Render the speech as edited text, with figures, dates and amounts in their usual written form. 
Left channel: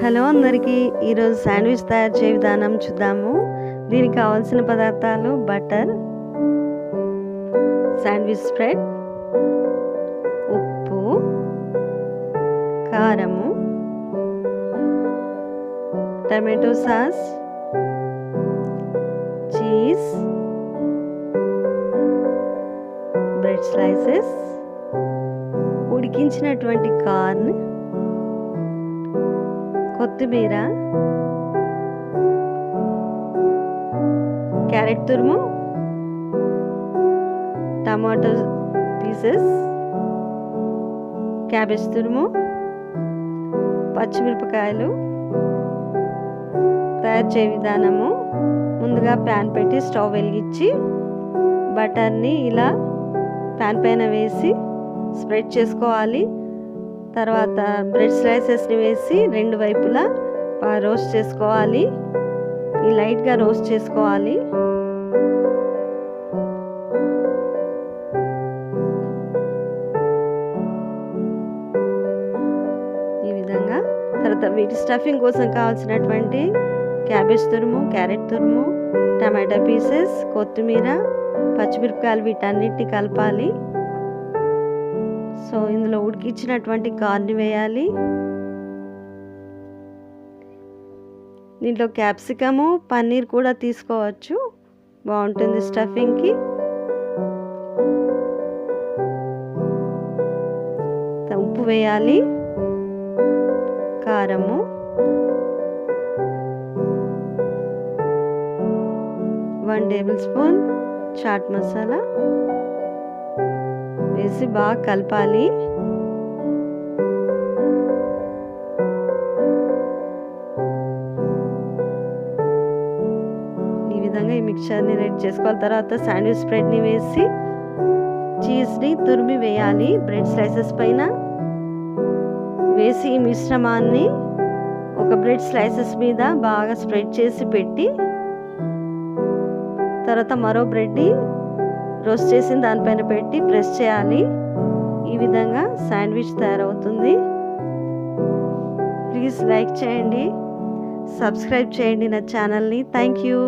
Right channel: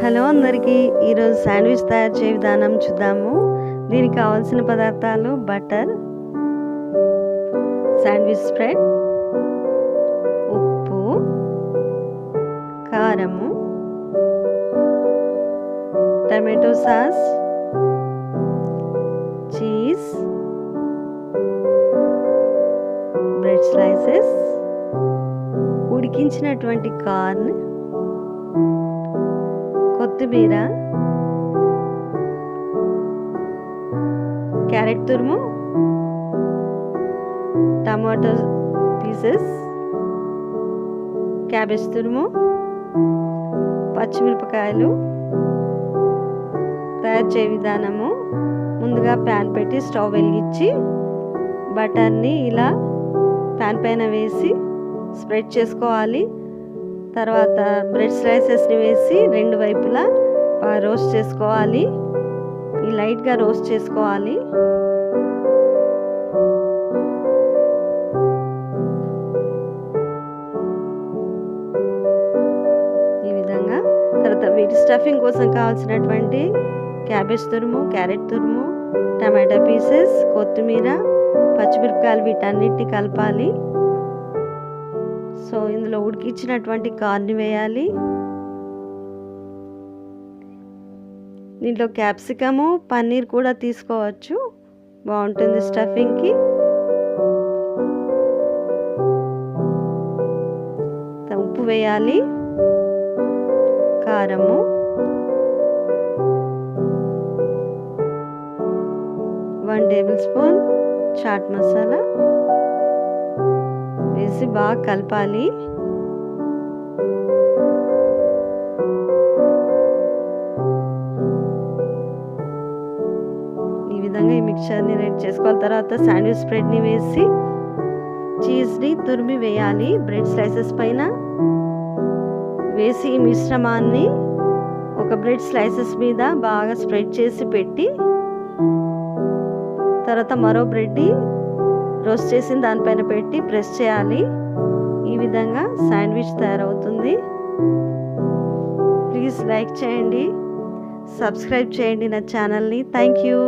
Hello అందరికీ, ఈరోజు sandwich తయారు చేయ విధానం చూద్దాము. దీనికి కావాల్సిన పదార్థాలు: బటర్, శాండ్విచ్ స్ప్రెడ్, ఉప్పు, కారము, tomato sauce, cheese, bread slices, ఉడికించినటువంటి కార్న్, కొత్తిమీర, క్యారెట్ తురుము, టమాటో పీసెస్, క్యాబేజ్ తురుము, పచ్చిమిరపకాయలు. తయారు చేయ విధానము: ముందుగా ప్యాన్ పెట్టి స్టవ్ వెలిగించి బటర్ని ఇలా ప్యాన్ పైన వేసి స్ప్రెడ్ చేసుకోవాలి. తర్వాత బ్రెడ్ స్లైసెస్ని వేసి రెండు వైపులా రోస్ట్ చేసుకోవాలి. ఈ లైట్గా రోస్ట్ చేసుకోవాలి. ఈ విధంగా. తర్వాత వీటి స్టఫింగ్ కోసం కావాల్సినటువంటి క్యాబేజ్ తురుము, క్యారెట్ తురుము, టమాటా పీసెస్, కొత్తిమీర, పచ్చిమిరపకాయలు వీటన్నిటిని కలపాలి. సో ఇందులో ఉడికించినటువంటి కార్న్ వేయాలి. దీంట్లో క్యాప్సికము, పన్నీర్ కూడా తీసుకోవచ్చు, బాగుంటుంది స్టఫింగ్కి. ఉప్పు వేయాలి, కారము, one tablespoon chaat masala వేసి బాగా కలపాలి. ఈ విధంగా ఈ మిక్చర్ని రెడీ చేసుకోవాలి. తర్వాత శాండ్విచ్ స్ప్రెడ్ని వేసి చీజ్ని తురిమి వేయాలి. బ్రెడ్ స్లైసెస్ పైన వేసి ఈ మిశ్రమాన్ని ఒక బ్రెడ్ స్లైసెస్ మీద బాగా స్ప్రెడ్ చేసి పెట్టి, తర్వాత మరో బ్రెడ్ని రోస్ట్ చేసిన దానిపైన పెట్టి ప్రెస్ చేయాలి. ఈ విధంగా శాండ్విచ్ తయారవుతుంది. ప్లీజ్ లైక్ చేయండి, సబ్స్క్రైబ్ చేయండి నా ఛానల్ని. Thank you.